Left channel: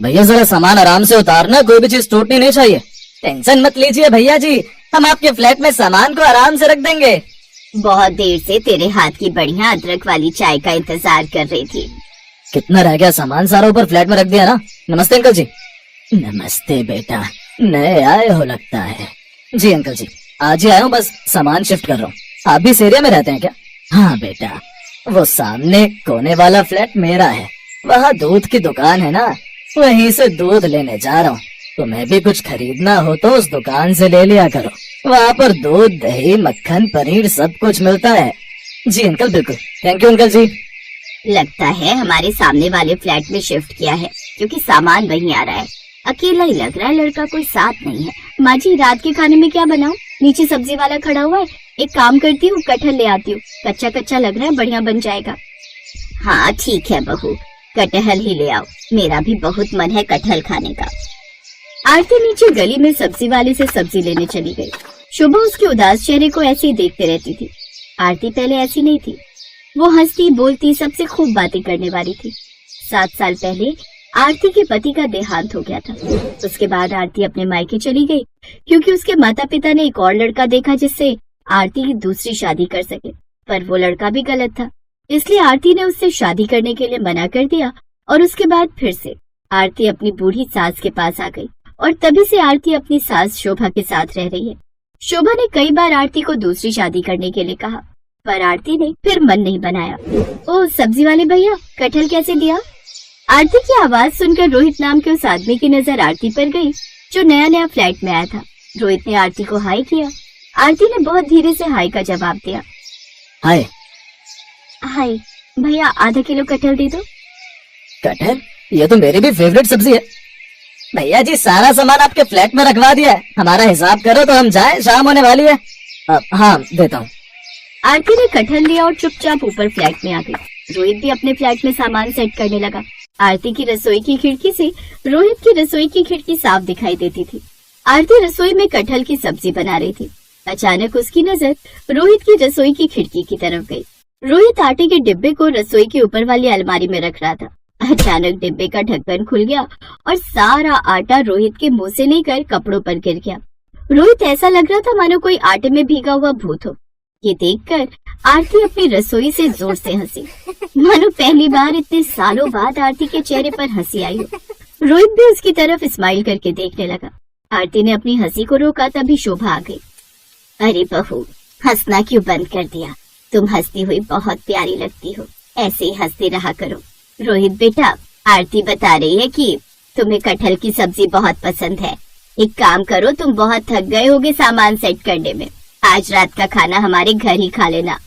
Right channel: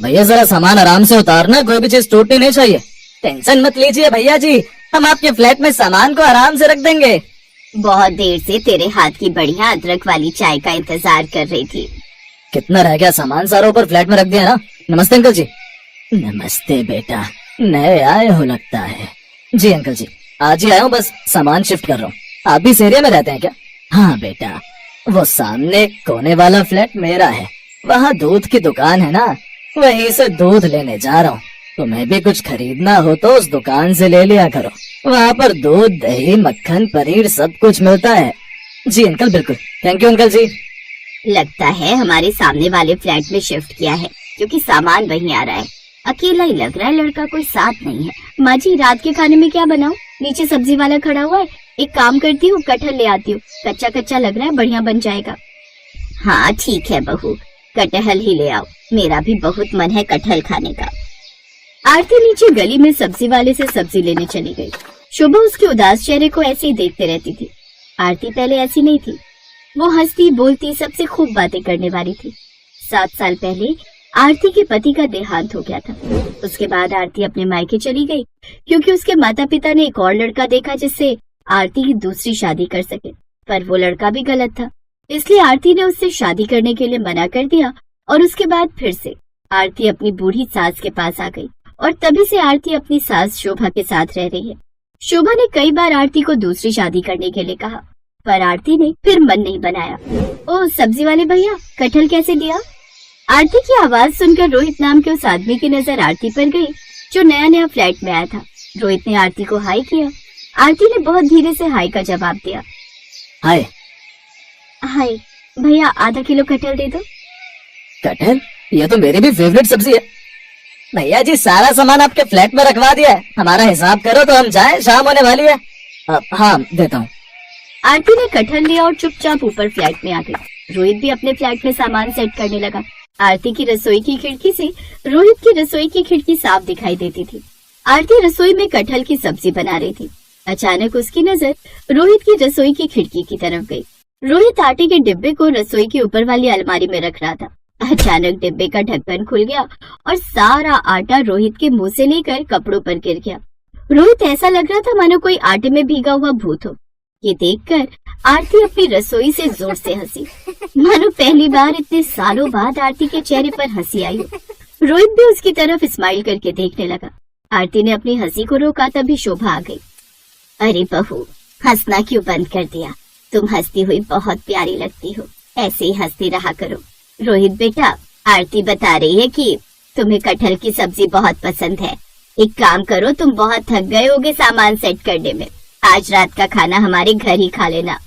भैया जरा सामान आराम से उतारना, कोई भी चीज टूटनी नहीं चाहिए। टेंशन मत लीजिए भैया जी, हम आपके फ्लैट में सामान को आराम से रख देंगे। बहुत देर से तेरे हाथ की बढ़िया अदरक वाली चाय का इंतजार कर रही थी। कितना रह गया सामान? सारा ऊपर फ्लैट में रख दिया ना। नमस्ते अंकल जी। नमस्ते बेटा, नए आए हो लगता है। जी अंकल जी, आज ही आया हूँ, बस सामान शिफ्ट कर रहा हूँ। आप भी इस एरिया में रहते हैं क्या? हाँ बेटा, वो सामने कोने वाला फ्लैट मेरा है, वहाँ दूध की दुकान है ना, वहीं से दूध लेने जा रहा हूँ। तुम्हें भी कुछ खरीदना हो तो उस दुकान से ले लिया करो, वहाँ पर दूध, दही, मक्खन, पनीर सब कुछ मिलता है। जी अंकल, बिल्कुल। थैंक यू अंकल जी। लगता है हमारे सामने वाले फ्लैट में शिफ्ट किया है, क्योंकि सामान वहीं आ रहा है। अकेला ही लग रहा है, लड़का कोई साथ नहीं है। माँ जी, रात के खाने में क्या बनाऊं? नीचे सब्जी वाला खड़ा हुआ है, एक काम करती हूँ, कटहल ले आती हूँ। कच्चा कच्चा लग रहा है, बढ़िया बन जाएगा। हाँ ठीक है बहू, कटहल ही ले आओ, मेरा भी बहुत मन है कटहल खाने का। आरती नीचे गली में सब्जी वाले से सब्जी लेने चली गई। शुभा उसके उदास चेहरे को ऐसे ही देखते रहती थी। आरती पहले ऐसी नहीं थी, वो हंसती बोलती सबसे खूब बातें करने वाली थी। 7 साल पहले आरती के पति का देहांत हो गया था। उसके बाद आरती अपने मायके चली गई, क्योंकि उसके माता पिता ने एक और लड़का देखा जिससे आरती की दूसरी शादी कर सके, पर वो लड़का भी गलत था। इसलिए आरती ने उससे शादी करने के लिए मना कर दिया और उसके बाद फिर से आरती अपनी बूढ़ी सास के पास आ गई और तभी से आरती अपनी सास शोभा के साथ रह रही है। शोभा ने कई बार आरती को दूसरी शादी करने के लिए कहा, पर आरती ने फिर मन नहीं बनाया। ओह सब्जी वाले भैया, कटहल कैसे दिया? आरती की आवाज सुनकर रोहित नाम के उस आदमी की नजर आरती पर गई, जो नया नया फ्लैट में आया था। रोहित ने आरती को हाय किया। आरती ने बहुत धीरे से हाय का जवाब दिया। हाय। हाय भैया, आधा किलो कटहल दे दो। कटहल? ये तो मेरी भी फेवरेट सब्जी है। भैया जी, सारा सामान आपके फ्लैट में रखवा दिया है, हमारा हिसाब करो तो हम जाए, शाम होने वाली है। हाँ देता हूँ। आरती ने कटहल लिया और चुपचाप ऊपर फ्लैट में आ गई। रोहित भी अपने फ्लैट में सामान सेट करने लगा। आरती की रसोई की खिड़की से रोहित की रसोई की खिड़की साफ दिखाई देती थी। आरती रसोई में कटहल की सब्जी बना रही थी। अचानक उसकी नजर रोहित की रसोई की खिड़की की तरफ गई। रोहित आटे के डिब्बे को रसोई के ऊपर वाली अलमारी में रख रहा था। अचानक डिब्बे का ढक्कन खुल गया और सारा आटा रोहित के मुंह से लेकर कपड़ों पर गिर गया। रोहित ऐसा लग रहा था मानो कोई आटे में भीगा हुआ भूत हो। ये देखकर आरती अपनी रसोई से जोर से हंसी, मानो पहली बार इतने सालों बाद आरती के चेहरे पर हंसी आई हो। रोहित भी उसकी तरफ स्माइल करके देखने लगा। आरती ने अपनी हंसी को रोका, तभी शोभा आ गई। अरे बहू, हंसना क्यों बंद कर दिया? तुम हंसती हुई बहुत प्यारी लगती हो, ऐसे ही हंसते रहा करो। रोहित बेटा, आरती बता रही है कि तुम्हें कटहल की सब्जी बहुत पसंद है। एक काम करो, तुम बहुत थक गए होगे सामान सेट करने में, आज रात का खाना हमारे घर ही खा लेना।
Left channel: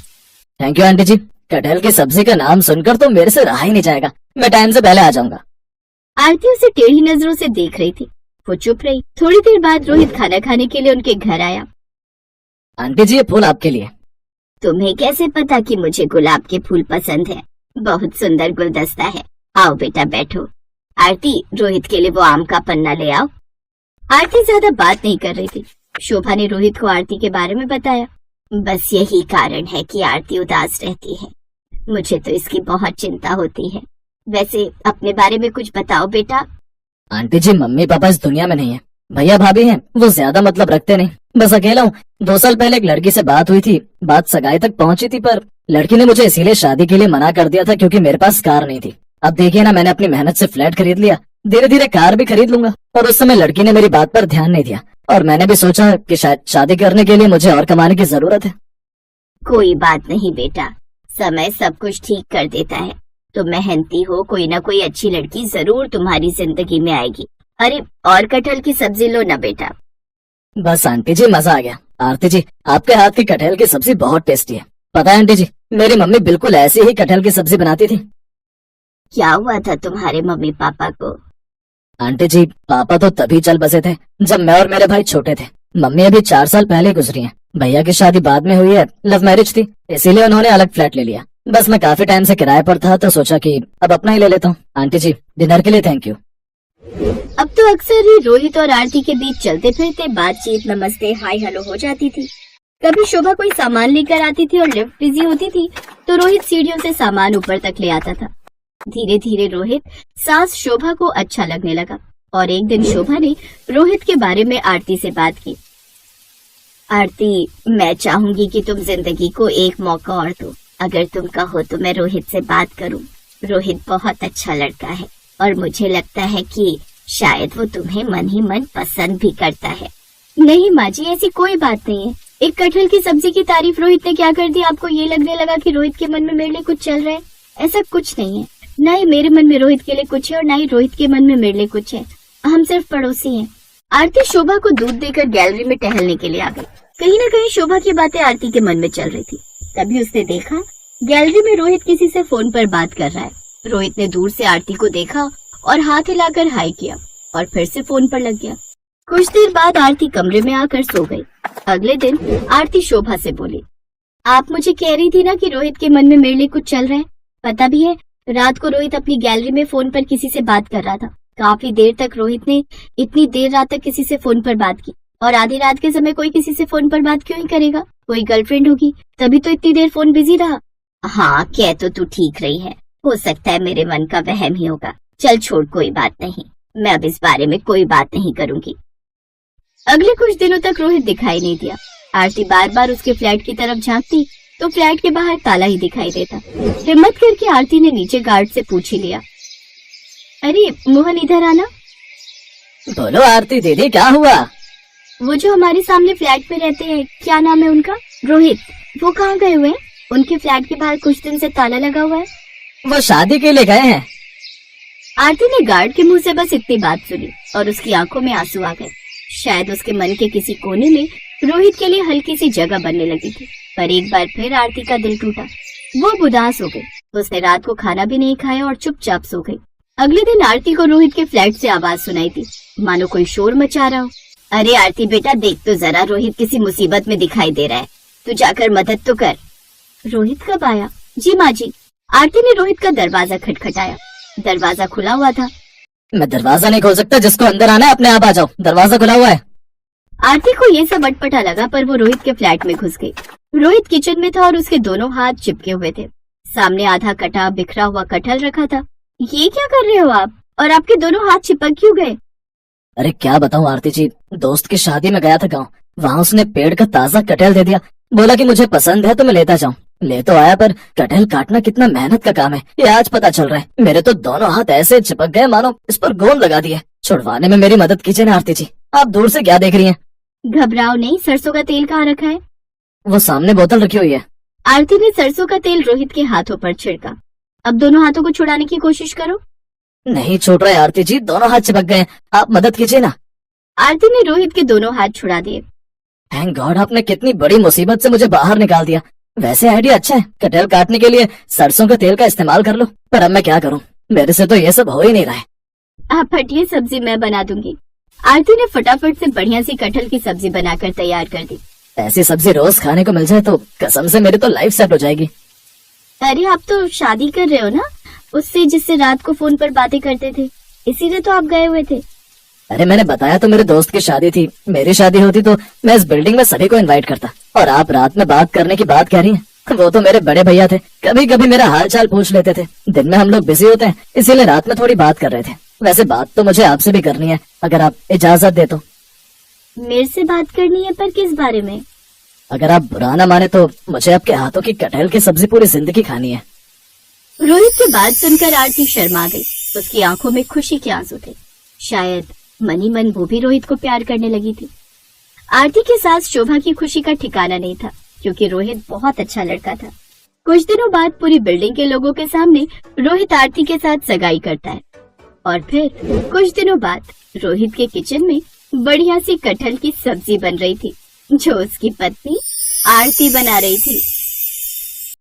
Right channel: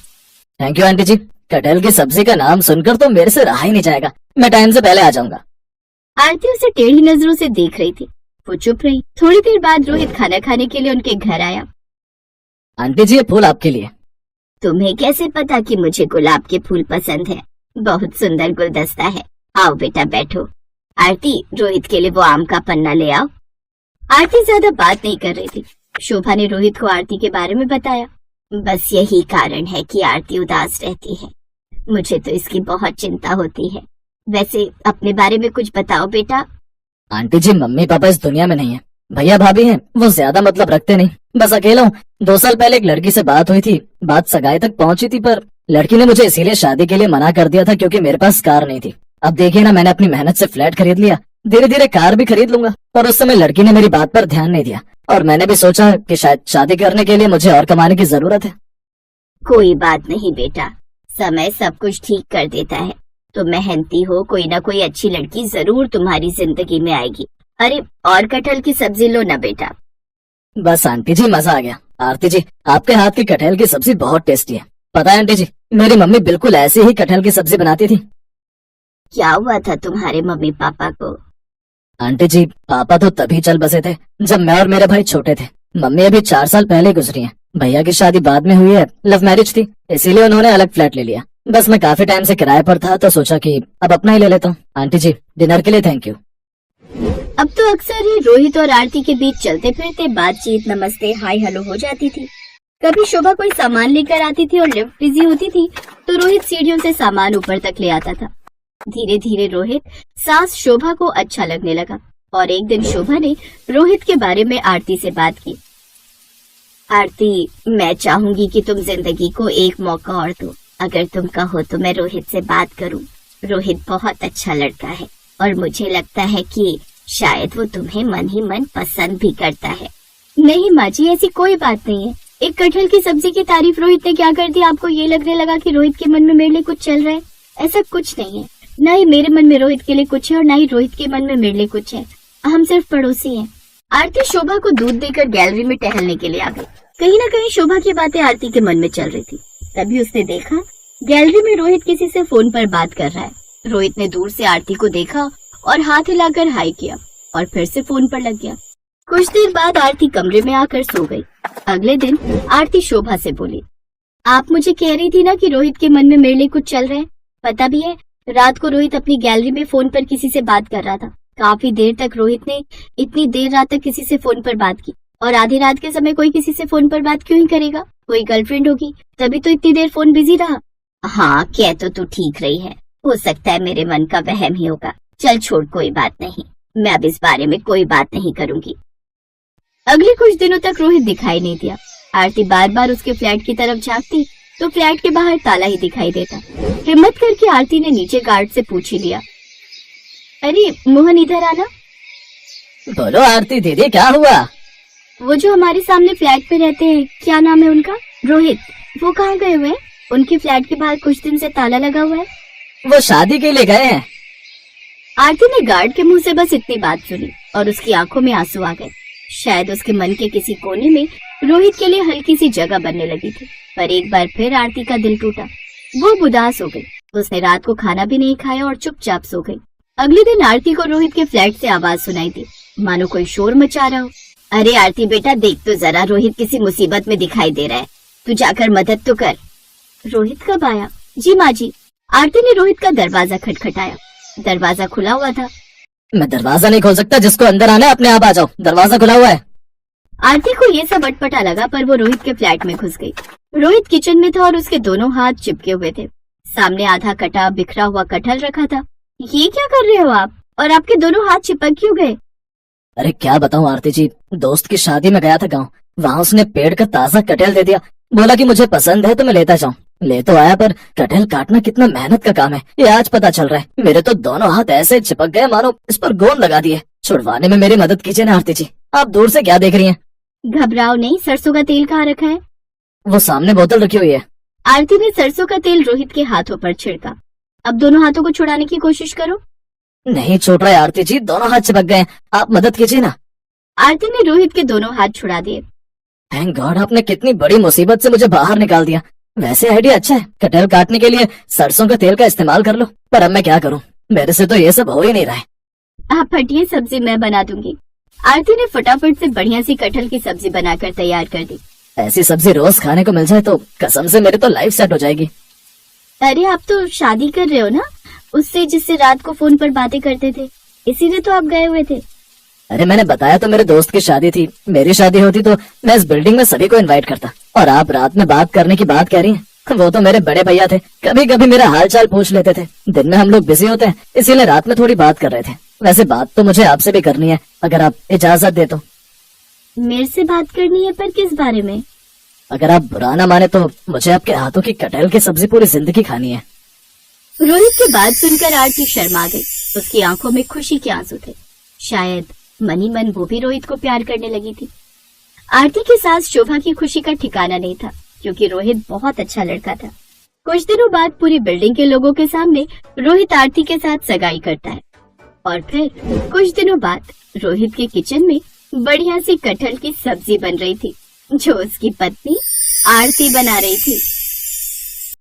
थैंक यू आंटी जी, कटहल की सब्जी का नाम सुनकर तो मेरे से रहा ही नहीं जाएगा, मैं टाइम से पहले आ जाऊंगा। आरती उसे टेढ़ी नजरों से देख रही थी। वो चुप रही। थोड़ी देर बाद रोहित खाना खाने के लिए उनके घर आया। आंटी जी, ये फूल आपके लिए। तुम्हें कैसे पता कि मुझे गुलाब के फूल पसंद है? बहुत सुंदर गुलदस्ता है। आओ बेटा बैठो। आरती, रोहित के लिए वो आम का पन्ना ले आओ। आरती ज्यादा बात नहीं कर रही थी। शोभा ने रोहित को आरती के बारे में बताया। बस यही कारण है कि आरती उदास रहती है, मुझे तो इसकी बहुत चिंता होती है। वैसे अपने बारे में कुछ बताओ बेटा। आंटी जी, मम्मी पापा इस दुनिया में नहीं है, भैया भाभी हैं, वो ज्यादा मतलब रखते नहीं, बस अकेला हूँ। 2 साल पहले एक लड़की से बात हुई थी, बात सगाई तक पहुंची थी, पर लड़की ने मुझे इसीलिए शादी के लिए मना कर दिया था क्योंकि मेरे पास कार नहीं थी। अब देखिए ना, मैंने अपनी मेहनत से फ्लैट खरीद लिया, धीरे धीरे कार भी खरीद लूंगा। और उस समय लड़की ने मेरी बात पर ध्यान नहीं दिया और मैंने भी सोचा कि शायद शादी करने के लिए मुझे और कमाने की जरूरत है। कोई बात नहीं बेटा, समय सब कुछ ठीक कर देता है। तुम मेहनती हो, कोई ना कोई अच्छी लड़की जरूर तुम्हारी जिंदगी में आएगी। अरे और कटहल की सब्जी लो ना बेटा। बस आंटी जी, मजा आ गया। आरती जी, आपके हाथ की कटहल की सब्जी बहुत टेस्टी है। पता है आंटी जी, मेरी मम्मी बिल्कुल ऐसे ही कटहल की सब्जी बनाती थी। क्या हुआ था तुम्हारे मम्मी पापा को? आंटी जी, पापा तो तभी चल बसे थे जब मैं और मेरे भाई छोटे थे। मम्मी अभी 4 साल पहले गुजरी है। भैया की शादी बाद में हुई है, लव मैरिज थी, इसीलिए उन्होंने अलग फ्लैट ले लिया। बस मैं काफी टाइम से किराए पर था तो सोचा कि अब अपना ही ले लेता हूँ। आंटी जी, डिनर के लिए थैंक यू। अब तो अक्सर ही रोहित और आरती के बीच चलते फिरते बातचीत, नमस्ते, हाय हेलो हो जाती थी। कभी शोभा कोई सामान लेकर आती थी और लिफ्ट बिजी होती थी तो रोहित सीढ़ियों से सामान ऊपर तक ले आता था। धीरे धीरे रोहित सास शोभा को अच्छा लगने लगा और एक दिन शोभा ने रोहित के बारे में आरती से बात की। आरती, मैं चाहूंगी कि तुम जिंदगी को एक मौका और दो। अगर तुम कहो तो मैं रोहित से बात करूं। रोहित बहुत अच्छा लड़का है और मुझे लगता है कि शायद वो तुम्हें मन ही मन पसंद भी करता है। नहीं माँ जी, ऐसी कोई बात नहीं है। एक कटहल की सब्जी की तारीफ रोहित ने क्या कर दी? आपको ये लगने लगा कि रोहित के मन में मेरे लिए कुछ चल रहा है? ऐसा कुछ नहीं है। ना ही मेरे मन में रोहित के लिए कुछ है और ना ही रोहित के मन में मेरे लिए कुछ है। हम सिर्फ पड़ोसी हैं। आरती शोभा को दूध देकर गैलरी में टहलने के लिए आ गई। कहीं ना कहीं शोभा की बातें आरती के मन में चल रही थी। तभी उसने देखा गैलरी में रोहित किसी से फोन पर बात कर रहा है। रोहित ने दूर से आरती को देखा और हाथ हिलाकर हाय किया और फिर से फोन पर लग गया। कुछ देर बाद आरती कमरे में आकर सो गई। अगले दिन आरती शोभा से बोली, आप मुझे कह रही थी ना कि रोहित के मन में मेरे लिए कुछ चल रहा है। पता भी है, रात को रोहित अपनी गैलरी में फोन पर किसी से बात कर रहा था। काफी देर तक रोहित ने इतनी देर रात तक किसी से फोन पर बात की। और आधी रात के समय कोई किसी से फोन पर बात क्यों ही करेगा? कोई गर्लफ्रेंड होगी, तभी तो इतनी देर फोन बिजी रहा। हाँ, कह तो तू ठीक रही है। हो सकता है मेरे मन का वहम ही होगा। चल छोड़, कोई बात नहीं। मैं अब इस बारे में कोई बात नहीं करूंगी। अगले कुछ दिनों तक रोहित दिखाई नहीं दिया। आरती बार बार उसके फ्लैट की तरफ झांकती तो फ्लैट के बाहर ताला ही दिखाई देता। हिम्मत करके आरती ने नीचे गार्ड से पूछ ही लिया, अरे मोहन, इधर आना। बोलो आरती दीदी, क्या हुआ? वो जो हमारे सामने फ्लैट पे रहते हैं, क्या नाम है उनका? रोहित। वो कहाँ गए हुए हैं? उनके फ्लैट के बाहर कुछ दिन से ताला लगा हुआ है। वो शादी के लिए गए हैं। आरती ने गार्ड के मुंह से बस इतनी बात सुनी और उसकी आंखों में आंसू आ गए। शायद उसके मन के किसी कोने में रोहित के लिए हल्की सी जगह बनने लगी थी। पर एक बार फिर आरती का दिल टूटा। वो उदास हो गई। उसने रात को खाना भी नहीं खाया और चुपचाप सो गई। अगले दिन आरती को रोहित के फ्लैट से आवाज सुनाई थी, मानो कोई शोर मचा रहा हो। अरे आरती बेटा, देख तो जरा, रोहित किसी मुसीबत में दिखाई दे रहा है। तू जाकर मदद तो कर। रोहित कब आया? जी माँ जी। आरती ने रोहित का दरवाजा खटखटाया। दरवाजा खुला हुआ था। मैं दरवाजा नहीं खोल सकता, जिसको अंदर आना है अपने आप आ जाओ, दरवाजा खुला हुआ है। आरती को ये सब अटपटा लगा, पर वो रोहित के फ्लैट में घुस गई। रोहित किचन में था और उसके दोनों हाथ चिपके हुए थे। सामने आधा कटा बिखरा हुआ कटहल रखा था। ये क्या कर रहे हो आप? और आपके दोनों हाथ चिपक क्यों गए? अरे क्या बताऊं आरती जी, दोस्त की शादी में गया था गाँव। वहाँ उसने पेड़ का ताजा कटहल दे दिया। बोला कि मुझे पसंद है तो मैं लेता जाऊं। ले तो आया, पर कटहल काटना कितना मेहनत का काम है ये आज पता चल रहा है। मेरे तो दोनों हाथ ऐसे चिपक गए मानो इस पर गोंद लगा दिए। छुड़वाने में मेरी मदद कीजिए ना आरती जी। आप दूर से क्या देख रही हैं? घबराओ नहीं। सरसों का तेल कहाँ रखा है? वो सामने बोतल रखी हुई है। आरती ने सरसों का तेल रोहित के हाथों पर छिड़का। अब दोनों हाथों को छुड़ाने की कोशिश करो। नहीं छूट रहा है आरती जी, दोनों हाथ चिपक गए। आप मदद कीजिए ना। आरती ने रोहित के दोनों हाथ छुड़ा दिए। थैंक गॉड, आपने कितनी बड़ी मुसीबत से मुझे बाहर निकाल दिया। वैसे आइडिया अच्छा है, कटहल काटने के लिए सरसों का तेल का इस्तेमाल कर लो। पर अब मैं क्या करूं, मेरे से तो ये सब हो ही नहीं रहा है। आप हटिए, सब्जी मैं बना दूंगी। आरती ने फटाफट से बढ़िया सी कटहल की सब्जी बनाकर तैयार कर दी। ऐसी सब्जी रोज खाने को मिल जाए तो कसम से मेरी तो लाइफ सेट हो जाएगी। अरे आप तो शादी कर रहे हो ना उससे, जिससे रात को फोन पर बातें करते थे, इसीलिए तो आप गए हुए थे। अरे मैंने बताया तो मेरे दोस्त की शादी थी। मेरी शादी होती तो मैं इस बिल्डिंग में सभी को इनवाइट करता। और आप रात में बात करने की बात कह रही हैं। वो तो मेरे बड़े भैया थे, कभी कभी मेरा हाल चाल पूछ लेते थे। दिन में हम लोग बिजी होते हैं, इसीलिए रात में थोड़ी बात कर रहे थे। वैसे बात तो मुझे आपसे भी करनी है, अगर आप इजाजत दे तो। मेरे से बात करनी है, पर किस बारे में? अगर आप बुरा ना माने तो मुझे आपके हाथों की कटहल की सब्जी पूरी जिंदगी खानी है। रोहित की बात सुनकर आरती शर्मा गई। उसकी आंखों में खुशी के आंसू थे। शायद मन ही मन वो भी रोहित को प्यार करने लगी थी। आरती के साथ शोभा की खुशी का ठिकाना नहीं था, क्योंकि रोहित बहुत अच्छा लड़का था। कुछ दिनों बाद पूरी बिल्डिंग के लोगों के सामने रोहित आरती के साथ सगाई करता है। और फिर कुछ दिनों बाद रोहित के किचन में बढ़िया सी कटहल की सब्जी बन रही थी, जो उसकी पत्नी आरती बना रही थी।